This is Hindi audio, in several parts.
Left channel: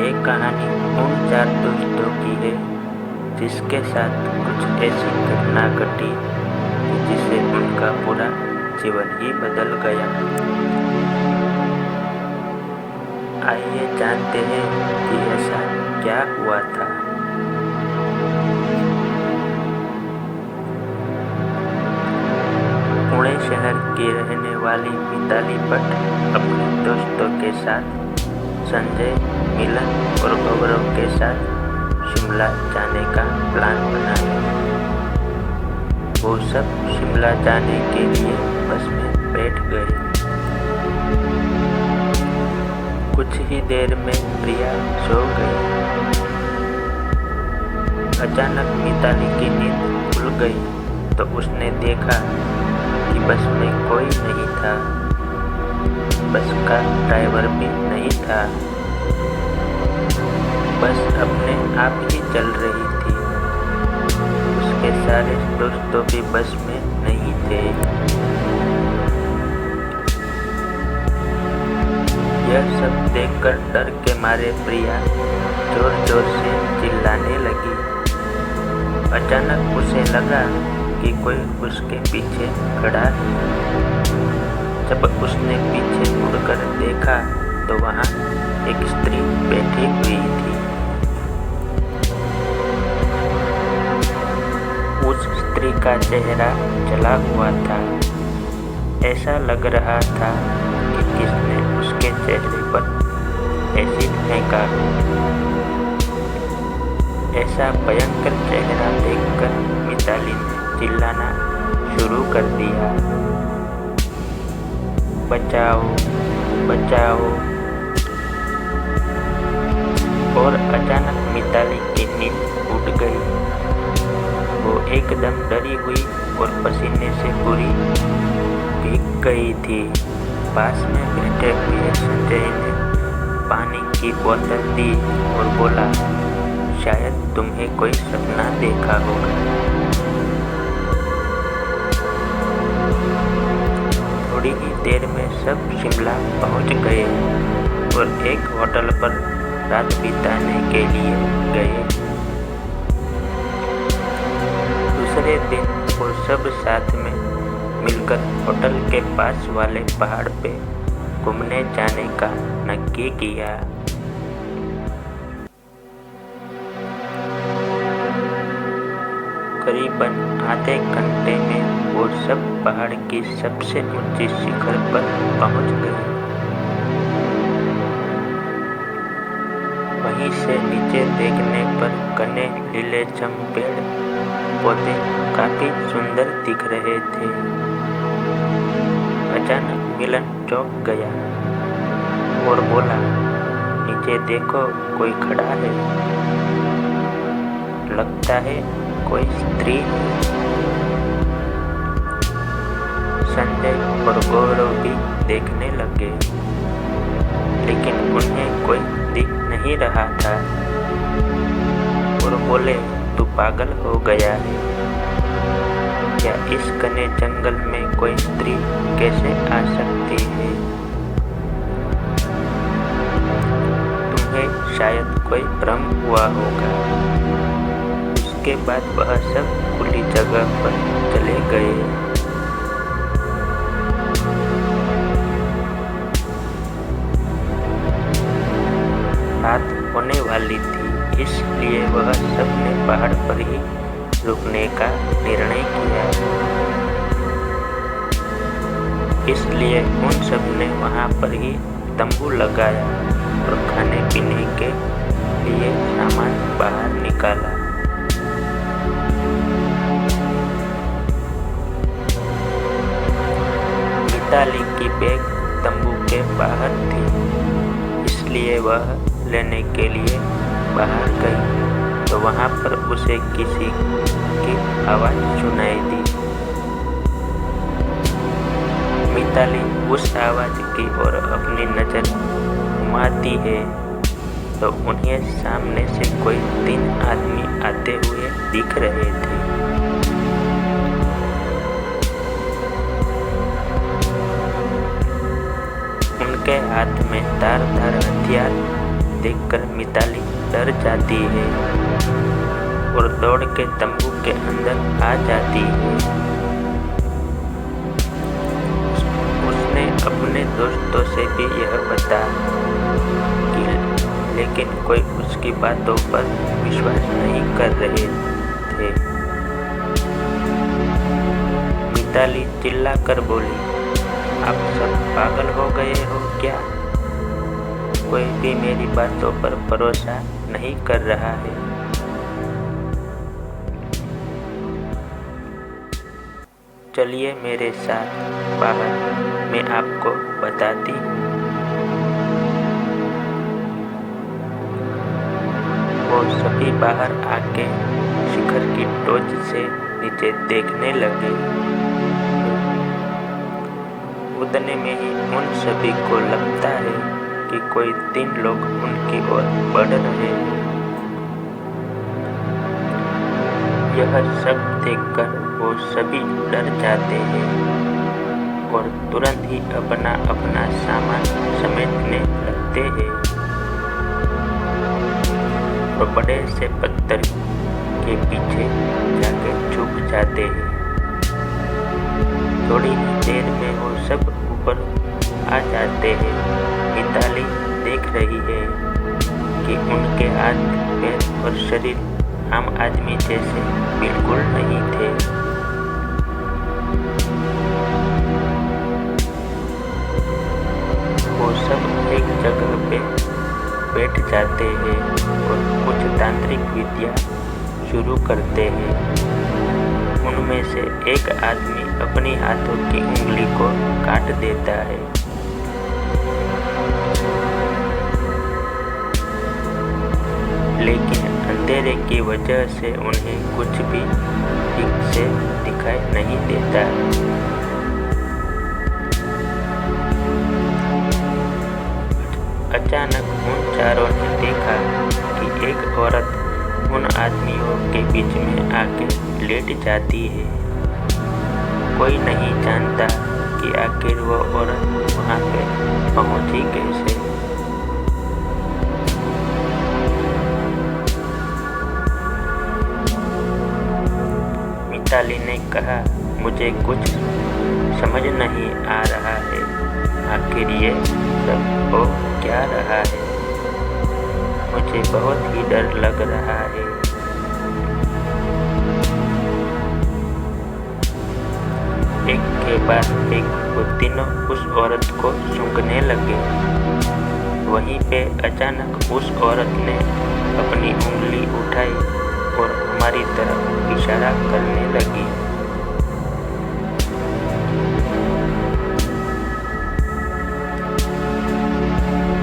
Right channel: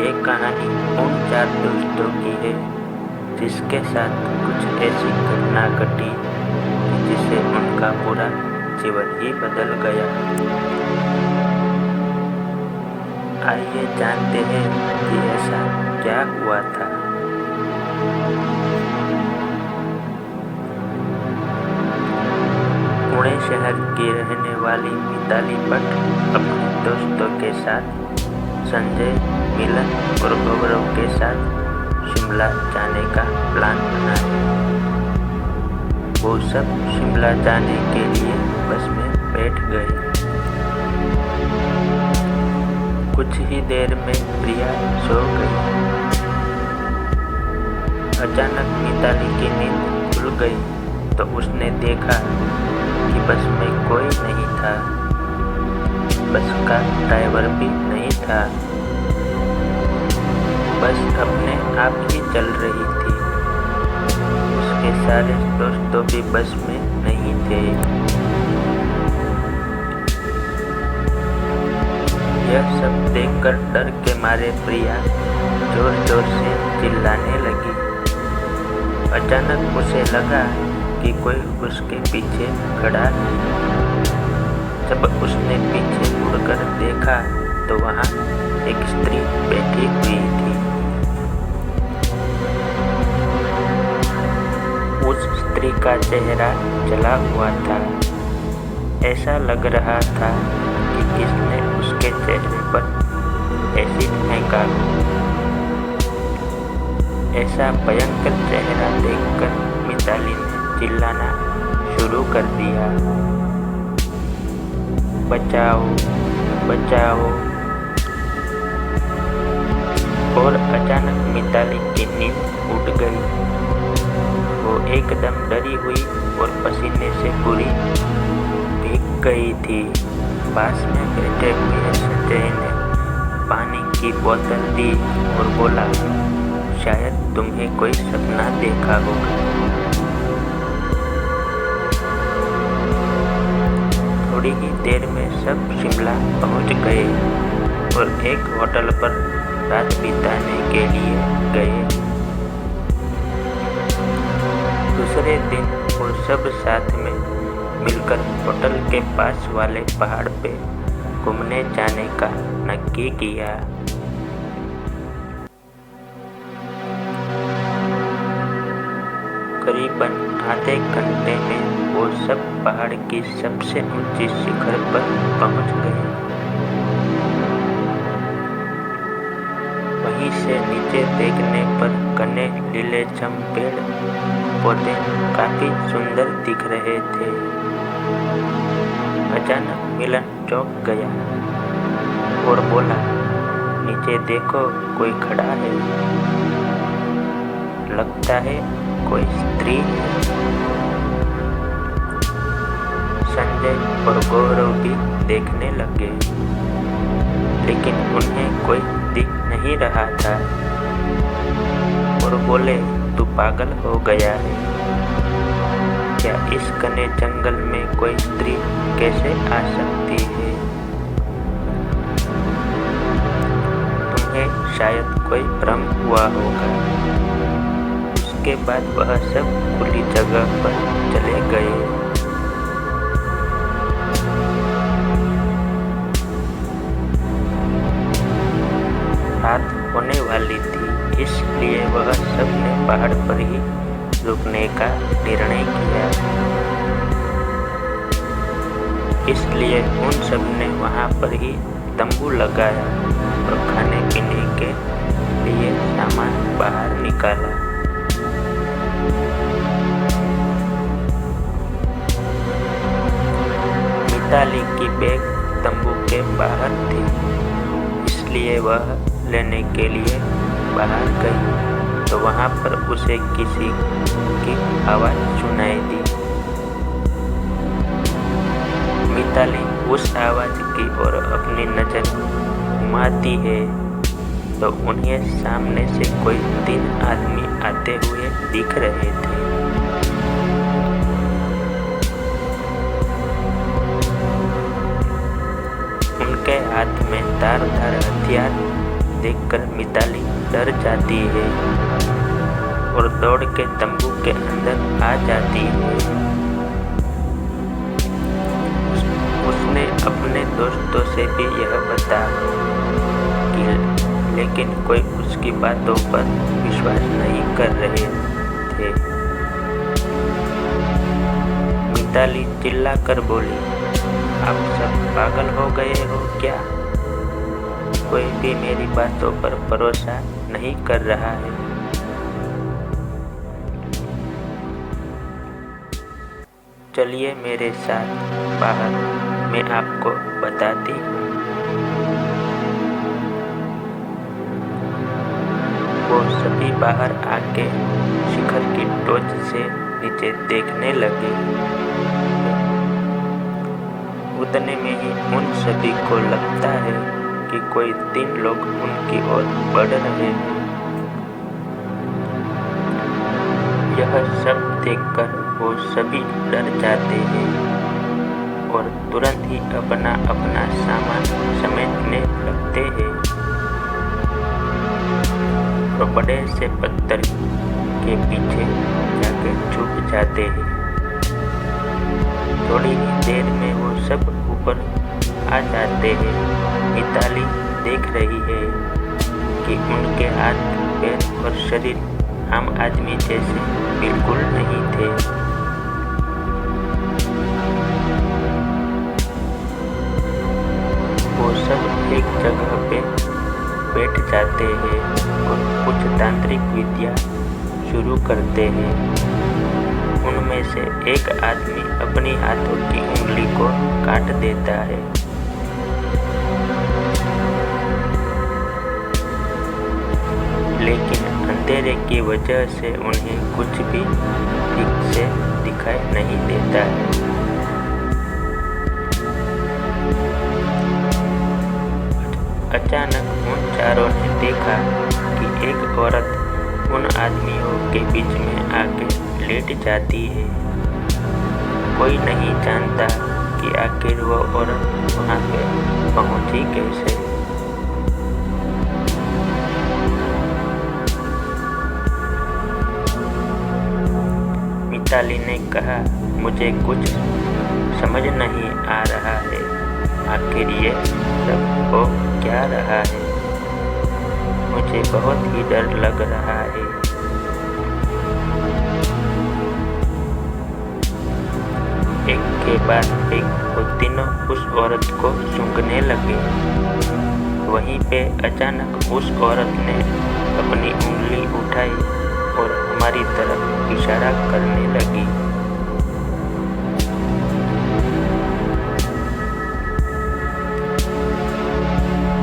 ये कहानी उन 4 दोस्तों की है जिसके साथ कुछ ऐसी घटना घटी कि जिससे उनका पूरा जीवन ही बदल गया। आइए जानते हैं कि ऐसा क्या हुआ था। पुणे शहर की रहने वाली मिताली भट्ट अपने दोस्तों के साथ संजय, मिलन और गौरव के साथ शिमला जाने का प्लान बनाया। वो सब शिमला जाने के लिए बस में बैठ गए। कुछ ही देर में प्रिया सो गई। अचानक मिताली की नींद खुल गई तो उसने देखा कि बस में कोई नहीं था। बस का ड्राइवर भी नहीं था। बस अपने आप ही चल रही थी। उसके सारे दोस्तों भी बस में नहीं थे। यह सब देखकर डर के मारे प्रिया जोर जोर से चिल्लाने लगी। अचानक उसे लगा कि कोई उसके पीछे खड़ा है। जब उसने पीछे मुड़कर देखा तो वहाँ एक स्त्री बैठी हुई थी। उस स्त्री का चेहरा जला हुआ था। ऐसा लग रहा था कि किसने उसके चेहरे पर एसिड फेंका हो। ऐसा भयंकर चेहरा देखकर मिताली ने चिल्लाना शुरू कर दिया, बचाओ बचाओ। और अचानक मिताली की नींद उड़ गई। वो एकदम डरी हुई और पसीने से पूरी भीग गई थी। पास में बैठे हुए संजय ने पानी की बोतल दी और बोला, शायद तुम्हें कोई सपना देखा होगा। थोड़ी ही देर में सब शिमला पहुंच गए और एक होटल पर रात बिताने के लिए गए। दूसरे दिन वो सब साथ में मिलकर होटल के पास वाले पहाड़ पे घूमने जाने का नक्की किया। करीबन आधे घंटे में वो सब पहाड़ की सबसे ऊंची शिखर पर पहुंच गए। वहीं से नीचे देखने पर घने लीलेछम पेड़ पौधे काफी सुंदर दिख रहे थे। अचानक मिलन चौंक गया और बोला, नीचे देखो, कोई खड़ा है। लगता है कोई स्त्री है। संजय और गौरव भी देखने लगे, लेकिन उन्हें कोई दिख नहीं रहा था और बोले, तू पागल हो गया है क्या? इस घने जंगल में कोई स्त्री कैसे आ सकती है? तुम्हें शायद कोई भ्रम हुआ होगा। उसके बाद वह सब खुली जगह पर चले गए। रात होने वाली थी, इसलिए वह सब ने पहाड़ पर ही रुकने का निर्णय किया। इसलिए उन सब ने वहां पर ही तंबू लगाया और खाने पीने के लिए सामान बाहर निकाला। मिताली की बैग तंबू के बाहर थी, इसलिए वह लेने के लिए बाहर गई तो वहां पर उसे किसी की आवाज सुनाई दी। मिताली उस आवाज की ओर अपनी नजर घुमाती है तो उन्हें सामने से कोई 3 आदमी आते हुए दिख रहे थे। उनके हाथ में धारदार हथियार देखकर मिताली डर जाती है और दौड़ के तंबू के अंदर आ जाती है। उसने अपने दोस्तों से भी यह बता कि लेकिन कोई उसकी बातों पर विश्वास नहीं कर रहे थे। मिताली चिल्लाकर बोली, आप सब पागल हो गए हो क्या? कोई भी मेरी बातों पर भरोसा नहीं कर रहा है। चलिए मेरे साथ बाहर, मैं आपको बताती हूँ। वो सभी बाहर आके शिखर की टोच से नीचे देखने लगे। उतने में ही उन सभी को लगता है कि कोई 3 लोग उनकी ओर बढ़ रहे हैं। यह सब देखकर वो सभी डर जाते हैं और तुरंत ही अपना अपना सामान समेटने लगते हैं और बड़े से पत्थर के पीछे जाके छुप जाते हैं। थोड़ी ही देर में वो सब ऊपर आ जाते हैं। मिताली देख रही है कि उनके हाथ, पैर और शरीर आम आदमी जैसे बिल्कुल नहीं थे। वो सब एक जगह पे बैठ जाते हैं और कुछ तांत्रिक विद्या शुरू करते हैं। उनमें से एक आदमी अपनी हाथों की उंगली को काट देता है। लेकिन अंधेरे की वजह से उन्हें कुछ भी ठीक से दिखाई नहीं देता है। अचानक उन चारों ने देखा कि एक औरत उन आदमियों के बीच में आके लेट जाती है। कोई नहीं जानता कि आखिर वो औरत वहाँ पे पहुँची कैसे। मिताली ने कहा, मुझे कुछ समझ नहीं आ रहा है, आखिर ये सब हो क्या रहा है? मुझे बहुत ही डर लग रहा है। एक के बाद एक वो तीनों उस औरत को सूंघने लगे। वहीं पे अचानक उस औरत ने अपनी उंगली उठाई और हमारी तरफ इशारा करने लगी।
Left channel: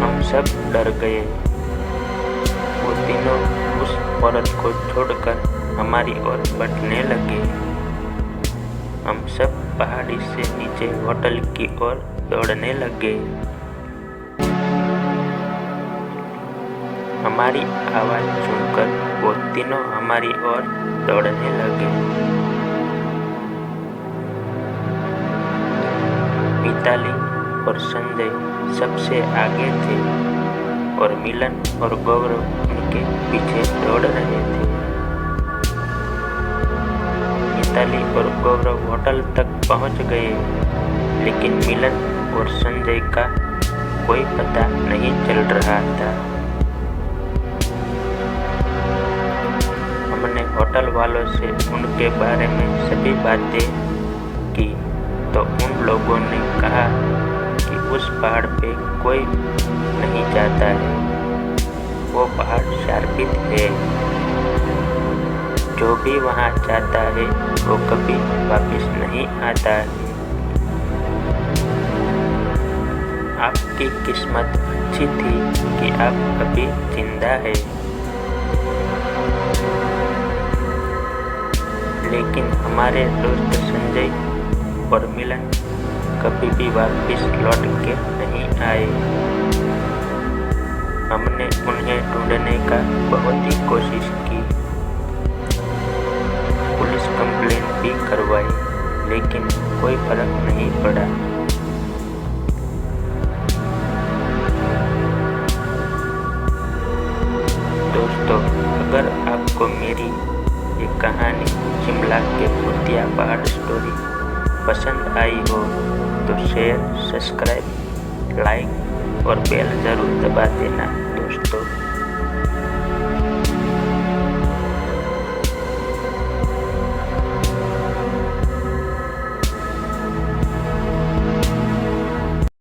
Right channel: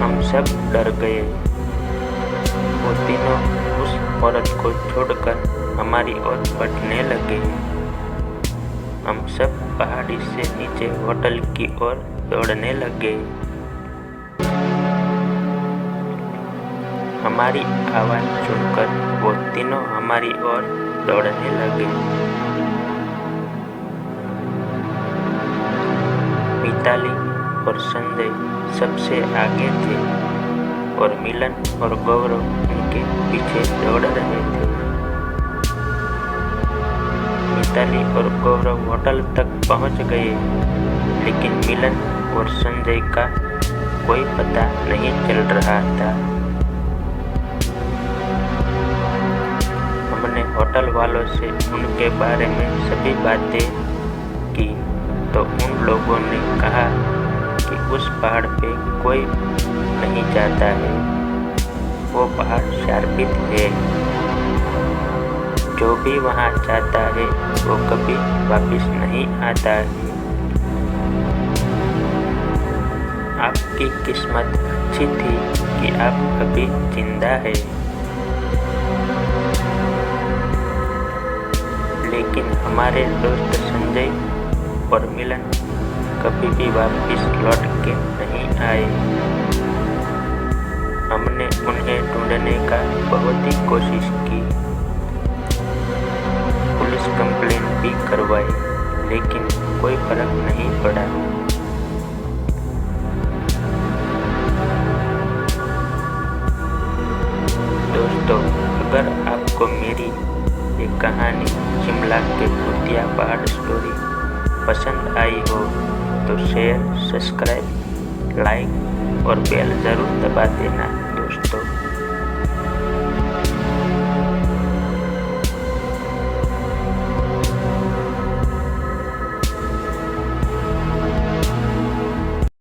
हम सब डर गए। वो तीनों उस औरत को छोड़कर हमारी ओर बढ़ने लगे। हम सब पहाड़ी से नीचे होटल की ओर दौड़ने लगे। हमारी आवाज़ सुनकर वो तीनों हमारी ओर दौड़ने लगे। मिताली और संजय सबसे आगे थे और मिलन और गौरव उनके पीछे दौड़ रहे थे। मिताली और गौरव होटल तक पहुंच गए, लेकिन मिलन और संजय का कोई पता नहीं चल रहा था। हमने होटल वालों से उनके बारे में सभी बातें की तो उन लोगों ने कहा कि उस पहाड़ पे कोई नहीं जाता है, वो पहाड़ शार्पित है। जो भी वहाँ जाता है वो कभी वापस नहीं आता है। आपकी किस्मत अच्छी थी कि आप अभी जिंदा है, लेकिन हमारे दोस्त संजय और मिलन कभी भी वापस लौट के नहीं आए। हमने उन्हें ढूंढने का बहुत ही कोशिश की, पुलिस कंप्लेन भी करवाई, लेकिन कोई फर्क नहीं पड़ा। आपको मेरी ये कहानी शिमला के भूतिया पहाड़ स्टोरी पसंद आई हो तो शेयर, सब्सक्राइब, लाइक और बेल ज़रूर दबा देना दोस्तों।